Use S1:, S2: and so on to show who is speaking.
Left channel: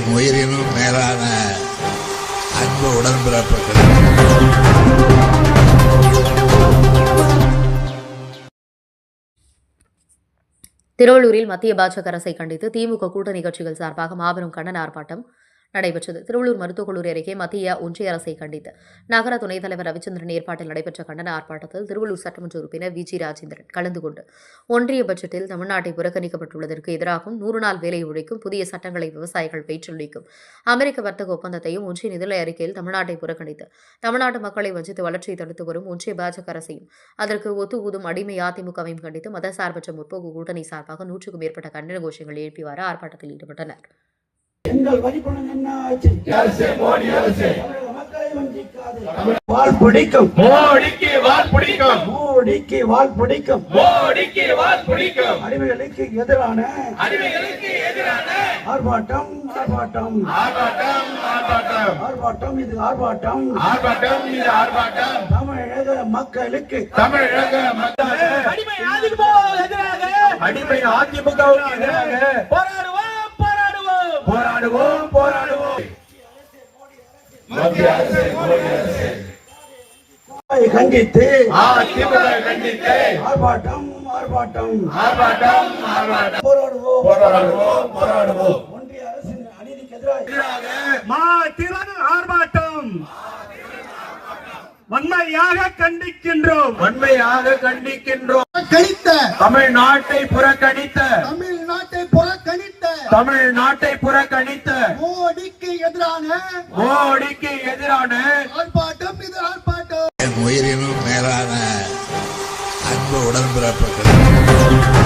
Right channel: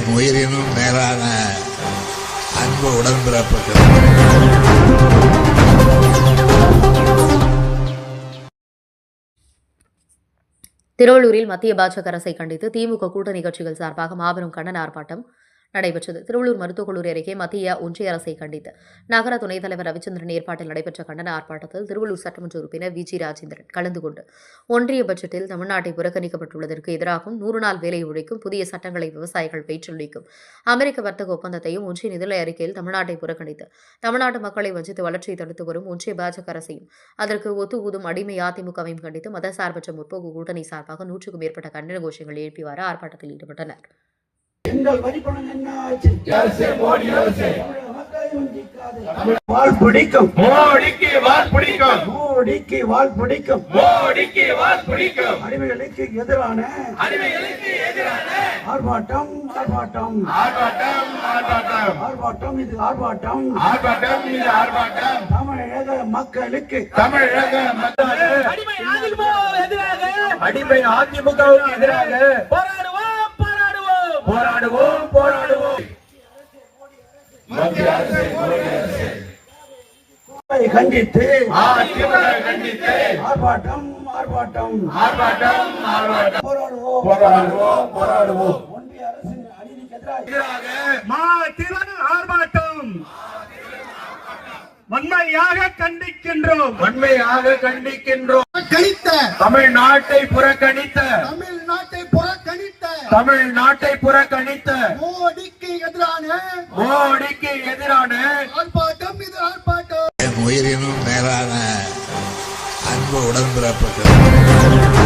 S1: உயிரினும் மேலான அன்பு உடன்பிறப்புகள்.
S2: திருவள்ளூரில் மத்திய பாஜக அரசை கண்டித்து திமுக கூட்டணி கட்சிகள் சார்பாக மாபெரும் கண்டன ஆர்ப்பாட்டம் நடைபெற்றது. திருவள்ளூர் மருத்துவக் கல்லூரி அருகே மத்திய ஒன்றிய அரசை கண்டித்து நகர துணைத் தலைவர் ரவிச்சந்திரன் ஏற்பாட்டில் நடைபெற்ற கண்டன ஆர்ப்பாட்டத்தில் திருவள்ளூர் சட்டமன்ற உறுப்பினர் வி.ஜி. ராஜேந்திரன் கலந்து கொண்டு ஒன்றிய பட்ஜெட்டில் தமிழ்நாட்டை புறக்கணிக்கப்பட்டுள்ளதற்கு எதிராகவும் 100 நாள் வேலை ஒழிக்கும் புதிய சட்டங்களை விவசாயிகள் பெற்றுள்ளிக்கும் அமெரிக்க வர்த்தக ஒப்பந்தத்தையும் ஒன்றிய நிதிநிலை அறிக்கையில் தமிழ்நாட்டை புறக்கணித்து தமிழ்நாட்டு மக்களை வஞ்சித்து வளர்ச்சியை தடுத்து வரும் ஒன்றிய பாஜக அரசையும் அதற்கு ஒத்து ஊதும் அடிமை அதிமுகவையும் கண்டித்து மதசார்பற்ற முற்போக்கு கூட்டணி சார்பாக 100க்கும் மேற்பட்ட கண்டன கோஷங்கள் எழுப்பிவாறு ஆர்ப்பாட்டத்தில் ஈடுபட்டனர்.
S3: எங்கள் வரிப்பணம் என்ன ஆச்சு? மோடி அரசு மக்களை வஞ்சிக்காதே. வாள் பிடிக்கும் மோடிக்கு வாள் பிடிக்கும் மோடிக்கு வாள் பிடிக்கும் மோடிக்கு வாள் பிடிக்கும் அடிமைகளுக்கு எதிரான ஆர்ப்பாட்டம் ஆர்ப்பாட்டம் ஆர்ப்பாட்டம் ஆர்ப்பாட்டம் இது ஆர்ப்பாட்டம் தமிழக மக்களுக்கு அடிமை அதிமுகவுக்கு எதிராக போராடுவோம் போராடுவோம். மத்திய அரசு கண்டித்து ஆர்ப்பாட்டம் ஆர்ப்பாட்டம் ஆர்ப்பாட்டம் போராடுவோம் போராடுவோம் போராடுவோம். ஒன்றிய அரசின் அநீதிக்கு எதிராக ஆர்ப்பாட்டம் வன்மையாக கண்டிக்கின்றோம் கணித்த தமிழ்நாட்டை புறக்கணித்த மோடிக்கு எதிரான ஆர்ப்பாட்டம் இது ஆர்ப்பாட்டம்.
S1: உயிரினும் மேலான அன்பு உடன்பிறப்புகள்.